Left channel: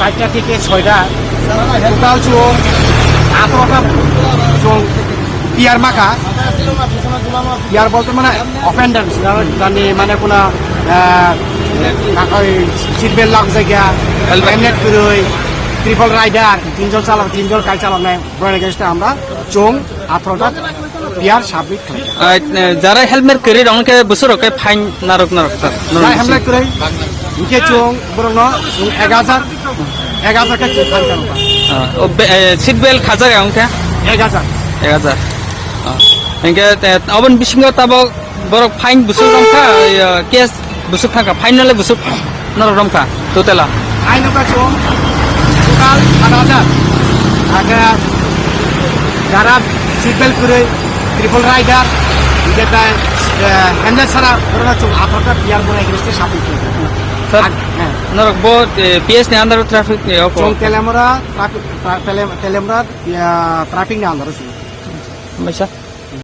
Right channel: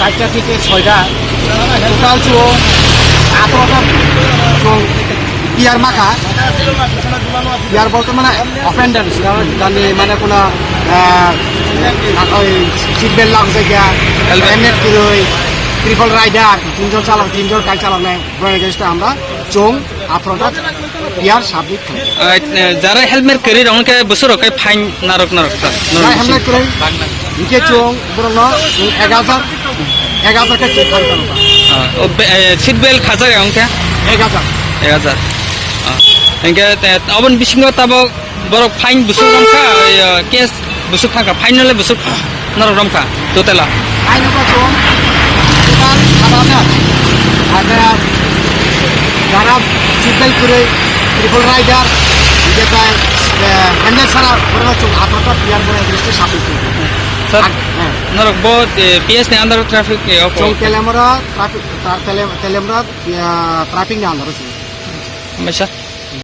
4টা থেকে 6টা টোটাল চোখ 18টা চোখ পিয়ার মাখা পিয়ার বলতে মানে অফেন্ডার মানে কোনো সিট বেল্ট লাগছে গিয়া হেলমেট কিলোই ট্রিপল রাইডার তিনজন গাড়ি চালানো এগেনস্টে আমরা চোখ 18টা পিয়ার সাবমিট করি যারা হেলমেট করে অনেকে বছর ফাইন নারক হেলমেট করে ইকে চোখ বরং 11,000 কে ফাইন কারবা সিট বেল্ট খাজা অঙ্কা 1000 এনকে আবন বিসিং তাব বড় ফাইন বিসু রমখা কেস বিসু থাকা ফাইন হলে বিসু নারক রমখা টোটালা ফাইন ওটা চোখ টোটাল 8,000 আর যারা সিট বেল্ট করে ট্রিপল রাইডার যেটা হ্যান্ডেল ছাড়া বরং চোখ 18টা পিয়ার বলে এগেনস্টে সাবমিট করি নারক বো পিএস নে আন্দার ট্রাফিক চোখ তেলেমরা ট্রাফিক নে আন্দার মেশা